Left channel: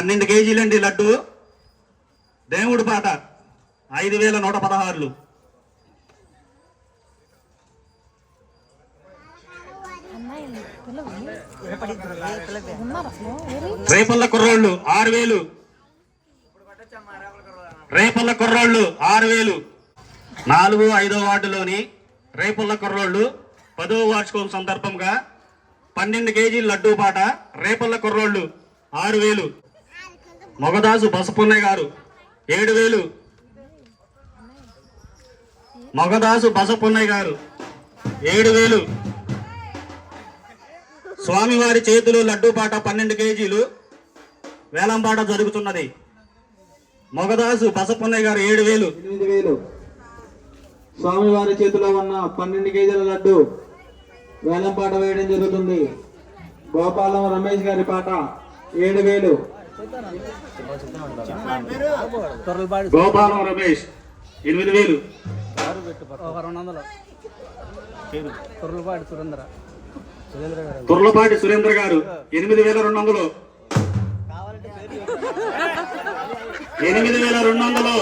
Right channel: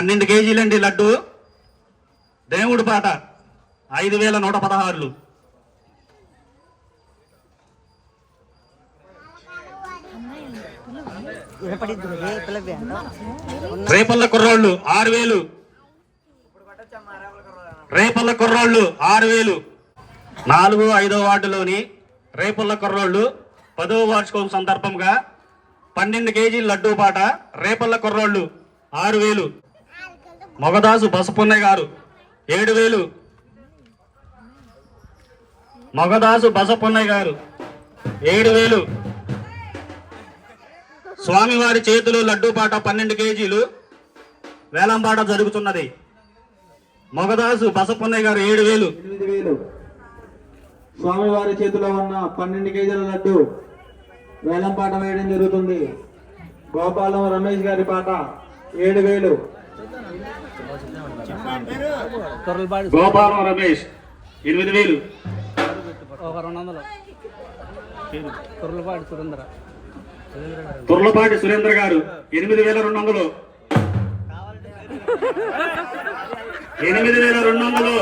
పన్నెండు కేజీలండి లడ్డు. దేవుడి పాట. ఐదు వేల నూట పదహారులు. రేపల్ల కుర్రోళ్ళు ఆరు వేలు. రేపల్ల కుర్రోళ్ళు ఆరు వేలు. నాలుగు ఐదో వార్డులోని రేపల్ల కుర్రోళ్ళు పదో వార్షికం సందర్భంగా పన్నెండు కేజీల లడ్డూ పాట. రేపల్ల కుర్రోళ్ళు ఆరు వేలు. మొగదాసు బసపున్నయ్య గారు ఏడు వేలు. మొగదాసు బసపున్నయ్య గారు ఏడు వేలు. స్వామివారి చేతులు లడ్డూ పాట పన్నెండు కేజీలు. వేలంపాట జరుగుతున్నది. మగదాసు బసపున్నయ్య గారు ఏడు వేలు. ఎనిమిది వేలు. స్వామివారి చేతిలో ఉన్న పన్నెండు కేజీల లడ్డు వేలంపాట వేయడం జరుగుతుంది. గోపాలం రమేష్ గారి పాట ఏడు వేలు. గోపాలం రమేష్ ఎనిమిది వేలు. ఒక రెండు వందలు. తుర్లపాటి సురేంద్ర. తుర్లపాటి సురేంద్ర గారు ఎనిమిది వేల రెండు వందలు. ఎనిమిది వేల రెండు వందలు.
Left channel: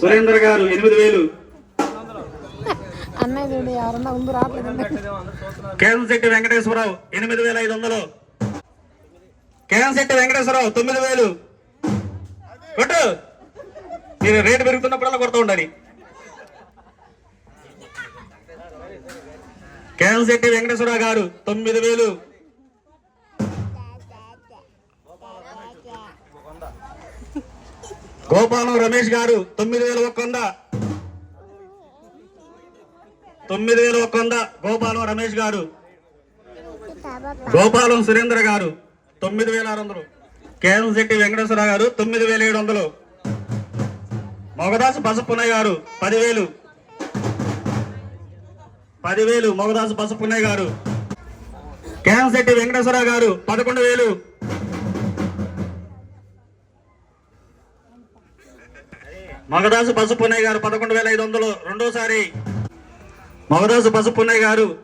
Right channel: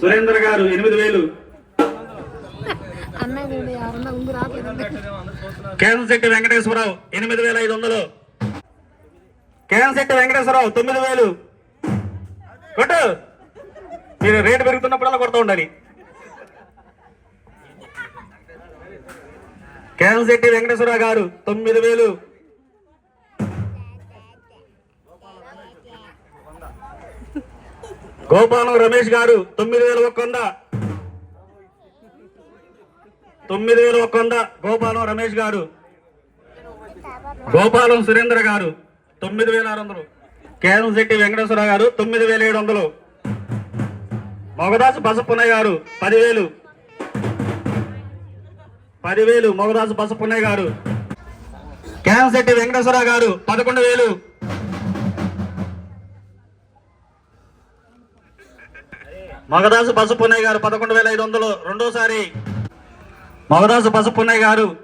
సురేందర్ గారు ఎనిమిది వేలు. అన్నయ్య కేంశెట్టి వెంకటేశ్వరరావు ఎనిమిది వేల ఐదు వందలు. కేంశెట్టి వెంకటేశ్వరరావు తొమ్మిది వేలు. కొట్టు. మీరు రేటు పెరుగుతున్నప్పుడల్లా కొడుతూ ఉండాలి. కేంశెట్టి వెంకటేశ్వరరావు గారు తొమ్మిది వేలు. గోపాలం రమేష్ గారు తొమ్మిది వేల ఒక వంద. తొమ్మిది వేల ఒక వంద గోపాలం రమేష్ గారు. గోపాలం సురేంద్ర గారు తొమ్మిది వేల ఆరు వందలు. కేరం శెట్టి వెంకటేశ్వర గారు తొమ్మిది వేల ఏడు వందలు. మొగదాసు పసుపున్నయ్య గారు పదివేలు. పదివేలు మొగదాసు పసుపున్నయ్య గారు. కేరం శెట్టి వెంకటేశ్వర గారు పదకొండు వేలు. మగదాసు బసపున్నయ్య గారు పదకొండు వేల ఐదు వందలు. రెండోసారి మగదాసు పసుపున్నయ్య గారు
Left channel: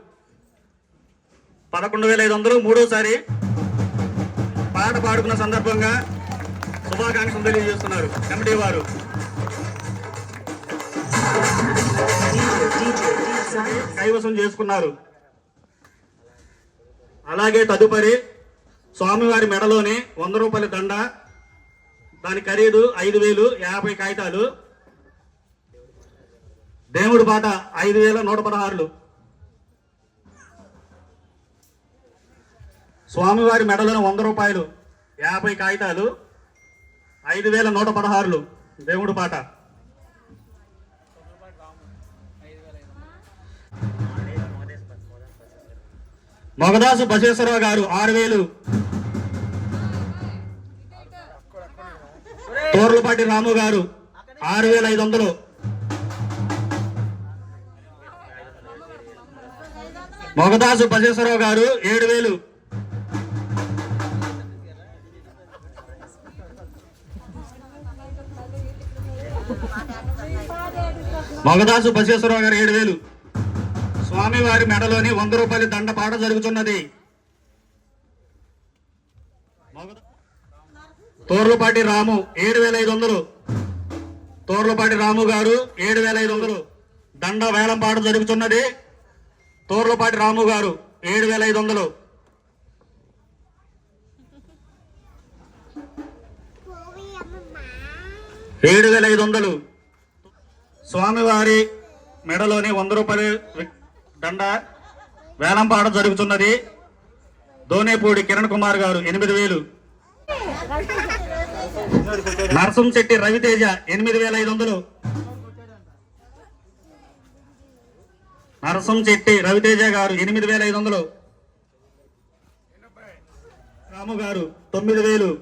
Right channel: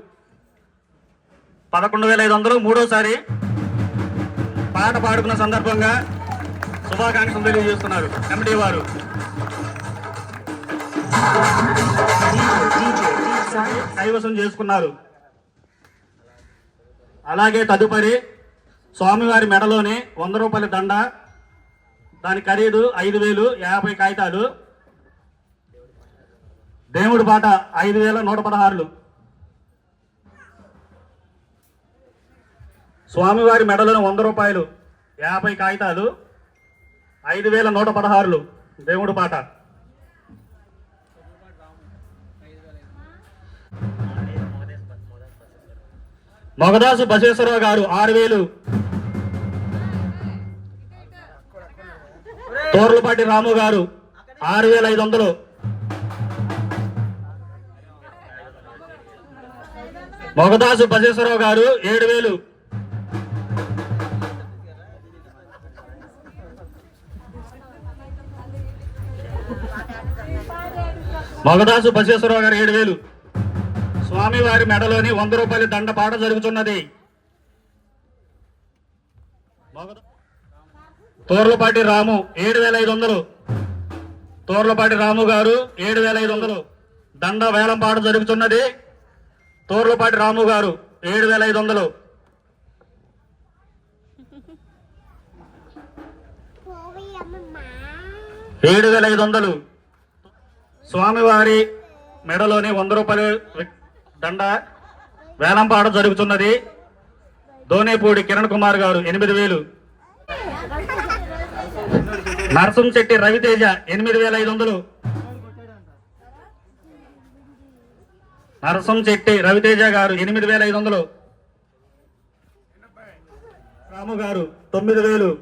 పదకొండు వేల ఐదు వందలు. మూడోసారి పాట పాడుకున్న సందర్భంగా శుభాకాంక్షలు తెలియజేస్తున్నారు ఎండి వారు. కైవసం చేసుకున్నారు. అలాగే తదుపరి స్వామివారి మెడలోనే వంద రూపాయల దండ దాని ఖరీదు ఐదు వేలు యాభై కాగితాలు. దేవుడి పాట ఐదు వేల నూట పదహారులు. స్వామివారి మెడలను వంద రూపాయలు యాభై కాగితాలు ఐదు వేల నూట పదహారులు. దేవుడు పాట మొగదాసు బసేశ్వరరావు గారు ఆరు వేలు. తోర్లపాటి రాము గారు ఆరు వేల ఐదు వందలు మొగదాసు బసవేశ్వరరావు గారు ఏడు వేలు మొగదాసు బసవేశ్వరరావు గారు ఏడు వేలు స్వామివారి మెడలోని వంద రూపాయల దండ పాట జరుగుతున్నది. తోర్లపాటి రాము ఏడు వేల ఐదు వందలు తోర్లపాటి రాము గారు ఏడు వేల ఐదు వందలు దండ వేలం పాట జరుగుతున్నది తోర్లపాటి రాము గారు ఏడు వేల ఐదు వందలు ఏడు వేల ఐదు వందలు స్వామివారి మెడలోని వంద రూపాయలు దండ వేలం పాట జరుగుతున్నది దోనేపూడి కిరణ్ కుమార్ గారు ఎనిమిది వేలు. నరసం శెట్టి రవితేజ ఎనిమిది వేల ఐదు వందలు. నరసం శెట్టి రవితేజ గారు ఎనిమిది వేల ఐదు వందలు. రాము గారు తొమ్మిది వేలు.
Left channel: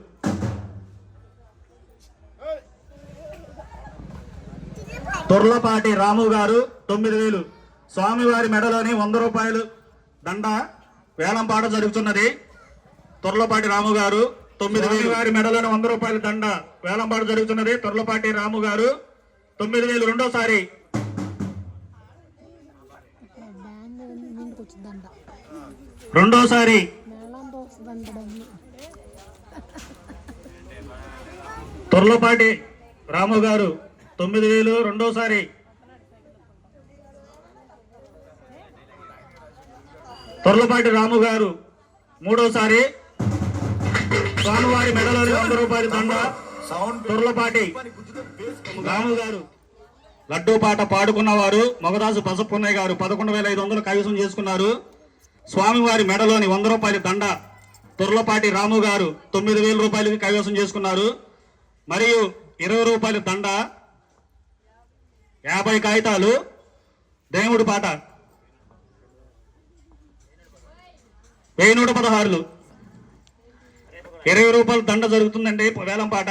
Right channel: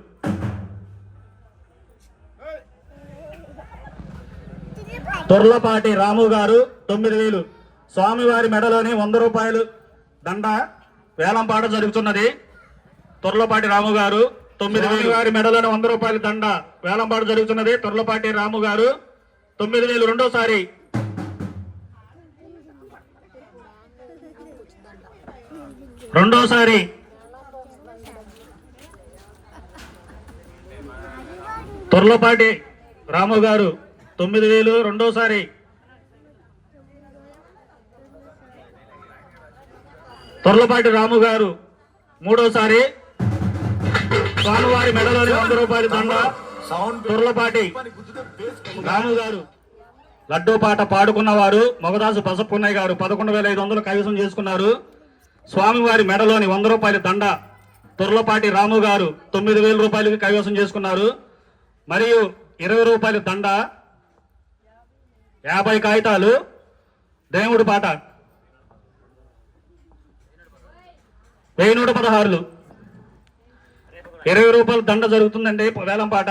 తొర్లపాటి రాము గారు తొమ్మిది వేలు. స్వామివారి మెడలోని వంద రూపాయలు దండ వేలంపాట జరుగుతున్నది. తొర్లపాటి రాము గారు తొమ్మిది వేలు. వారి మెడలోని వంద రూపాయల దండ వేలంపాటు జరుగుతున్నది. తొర్లపాటి రాము గారు తొమ్మిది వేలు రెండోసారి. రెండోసారి. తొర్లపాటి రాము గారు తొమ్మిది వేలు రెండోసారి. తొర్లపాటి రాము గారు మూడోసారి. స్వామివారి మెడలోని వంద రూపాయల దండ తొర్లపాటి రాము గారు. లడ్డూ పాట పాడుకున్నవారు మొగదాసు పసపున్నయ్య గారు పదకొండు వేల ఐదు వందలు కైవసం చేసుకున్నారు. స్వామివారి మెడలోని వంద రూపాయల దండ తొర్లపాటి రాము గారు తొమ్మిది వేల రూపాయలకి కైవసం చేసుకున్నారు. మరియు ఇరవై రూపాయల దండ యాభై కాగితాలు దేవుడి పాట. వెయ్యి నూట పదహారులు. ఇరవై రూపాయలు దండ జరుగుతుందండి వేలం పాట.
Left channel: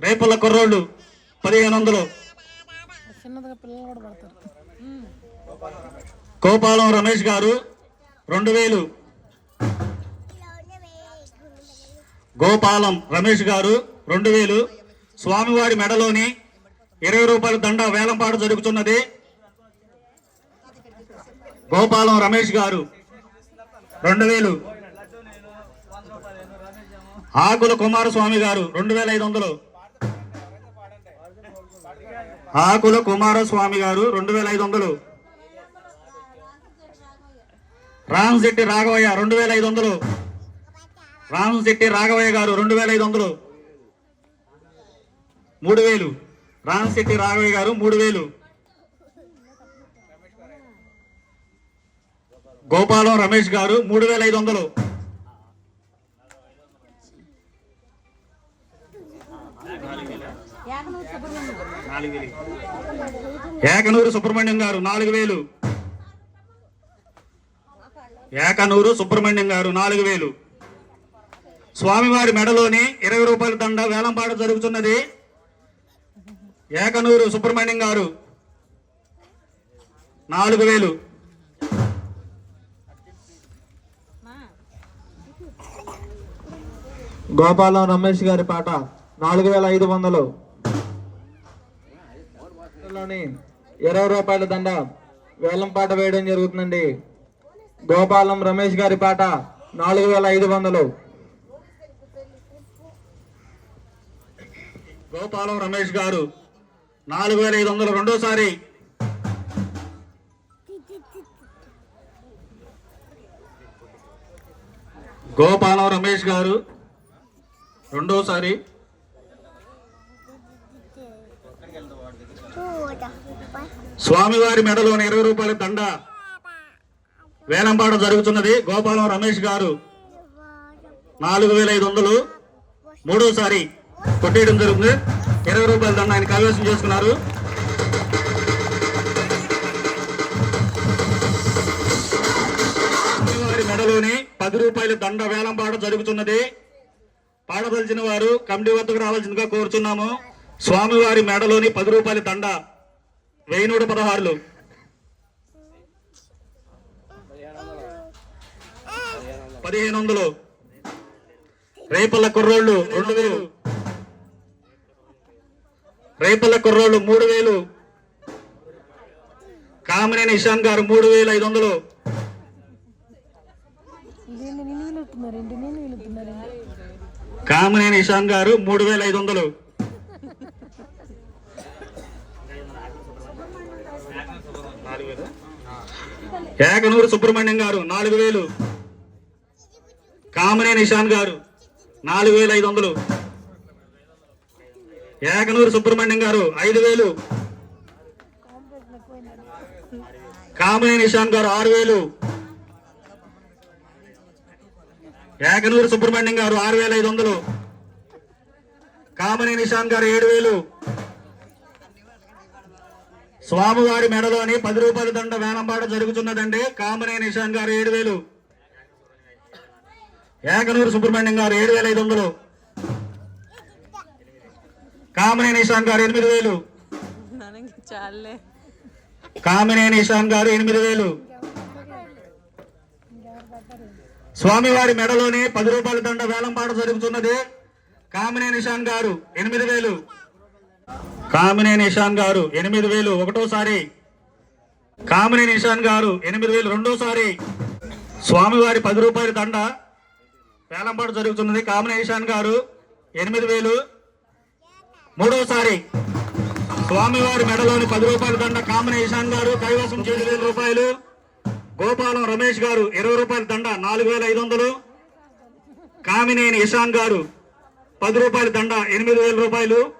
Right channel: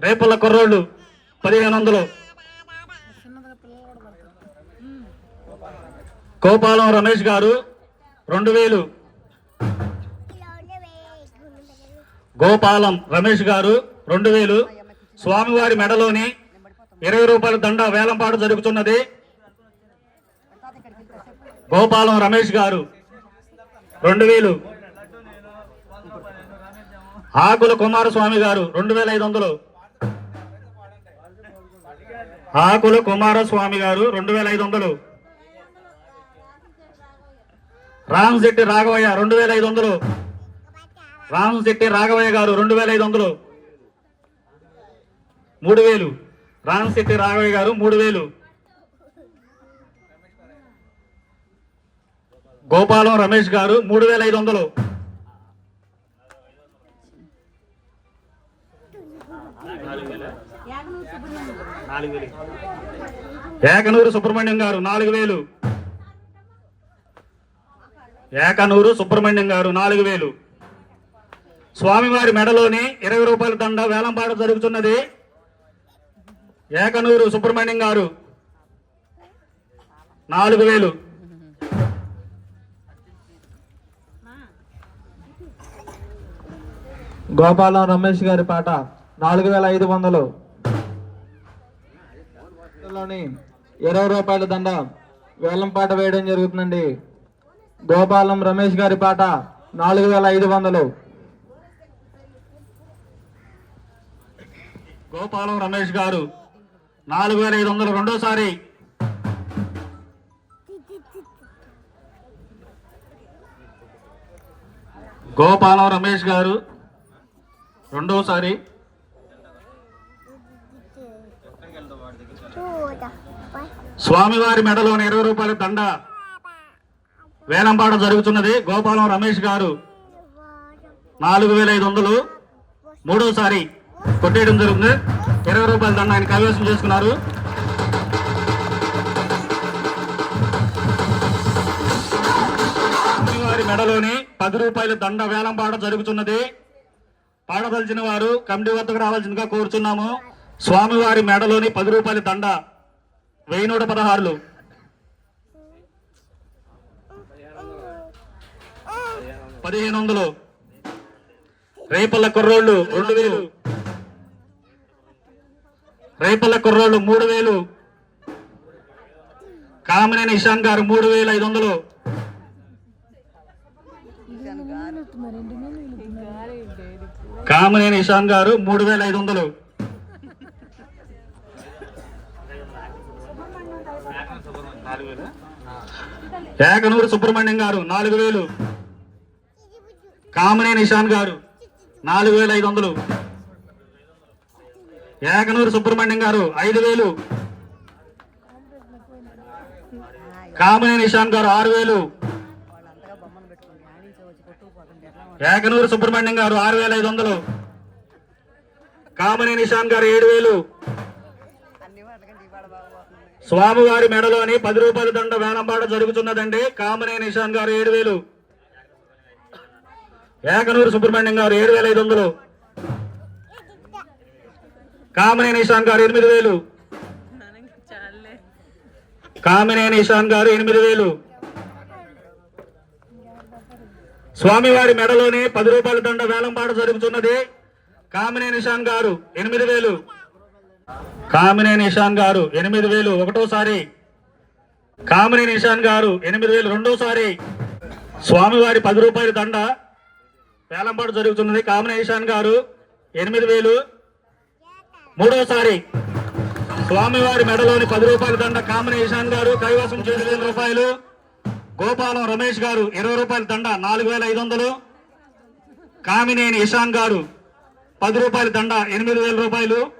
రేపల్ల కుర్రోళ్ళు పదిహేను వందలు. కోపాలం గోపాలం రమేష్ గారు రెండు వేలు. గోపాలం రమేష్ గారు రెండు వేలు. స్వామివారి మెడలోని ఇరవై రూపాయల దండ వేలంపాట జరుగుతున్నది. గోపాలం రమేష్ గారు రెండు వేలు. ఆకుల కుమారస్వామి గారు రెండు వేల ఐదు వందలు. ఆకుల కుమారస్వామి గారు రెండు వేల ఐదు వందలు. రామశెట్టి రాఘవయ్య రెండు వేల ఐదు వందలు. రామశెట్టి రాఘవయ్య గారు రెండు వేల ఐదు వందలు. మూడు వేలు. రామశెట్టి రాఘవయ్య గారు మూడు వేలు. గోపాలం రమేష్ గారు మూడు వేల ఐదు వందలు. ఏకనూరు సుబ్రహ్మణ్యం గారు నాలుగు వేలు. ఏకనూరు సుబ్రహ్మణ్యం గారు నాలుగు వేలు. స్వామివారి మెడలోని ఇరవై రూపాయల దండ వేలంపాట జరుగుతున్నది. ఏకనూరు సుబ్రహ్మణ్యం గారు నాలుగు వేలు. గోపాలం రమేష్ గారి పాట. నాలుగు వేల ఐదు వందలు. లోని ఇరవై రూపాయల దండ వేలం పాట వేయడం జరుగుతుందండి. గోపాలం రమేష్ గారి పాట నాలుగు వేల ఐదు వందలు. గోపాలం రమేష్ గారు నాలుగు వేల ఐదు వందలు రెండోసారి. గోపాలం రమేష్ గారు రెండోసారి. స్వామివారి మెడలోని ఇరవై రూపాయల దండ. వేలంపాట జరుగుతున్నది. గోపాలం రమేష్ గారు నాలుగు వేల ఐదు వందలు మూడోసారి కొట్టేయడం జరుగుతుంది. ఇరవై రూపాయల దండ ఆయన కైవసం చేసుకున్నారు. స్వామివారి మెడలోని పది రూపాయల దండ వేలంపాట జరుగుతున్నది. పాడదలిచిన వారు కమిటీ వద్దకు రావాల్సిందిగా కోరుచున్నాము స్వామివారి మెడలోని పది రూపాయల దండ వెయ్యి నూట పదహారులు. పదిహేను వందలు రేపల్ల కుర్రోళ్ళు రెండు వేలు. రేపల్ల కుర్రోళ్ళు మూడు వేలు. కామినేని ఇషాన్ గారు మూడు వేల ఐదు వందలు. కామినేని ఇషాన్ గారు మూడు వేల ఐదు వందలు. ఏకనూరు సుబ్రహ్మణ్యం గారు నాలుగు వేలు. కామనే నిషాన్ గారు నాలుగు వేల ఐదు వందలు. ఏకనూరు సుబ్రహ్మణ్యం గారు ఐదు వేలు. కామనే నిషాన్ గారు ఆరు వేలు. ఏకనూరు సుబ్రహ్మణ్యం గారు ఆరు వేల ఐదు వందలు. కామని నిషాన్ గారు ఏడు వేలు. స్వామివారి మెడలోని పది రూపాయల దండ వేలంపాట జరుగుతున్నదండి. కామనే నిషాన్ గారు ఏడు వేలు ఏకనూరు సుబ్రహ్మణ్యం గారు ఏడు వేల ఐదు వందలు కామనే నిషాన్ గారు ఎనిమిది వేలు కామినే నిషాన్ గారు ఎనిమిది వేలు స్వామివారి మెడలోని పది రూపాయల దండ వేలంపాట జరుగుతున్నది. కామినే నిషాన్ గారు ఎనిమిది వేలు కామినేని ఇషాన్ గారు ఎనిమిది వేలు ఒకటోసారి. కామినేని ఇషాన్ గారు ఎనిమిది వేలు రెండోసారి. స్వామివారి పది రూపాయల దండ వేలంపాటు జరుగుతున్నది. కామినేని ఇషాన్ గారు ఎనిమిది వేలు మూడోసారి. స్వామివారి మెడలోని పది రూపాయల దండ కామినేని ఇషాన్ గారు కైవసం చేసి వేల రూపాయలు. గోపాలం రమేష్ గారు ఇరవై రూపాయల దండ నాలుగు వేల ఐదు వందలు. కామినేని ఇషాన్ గారు పది రూపాయల దండ ఎనిమిది వేల రూపాయలు.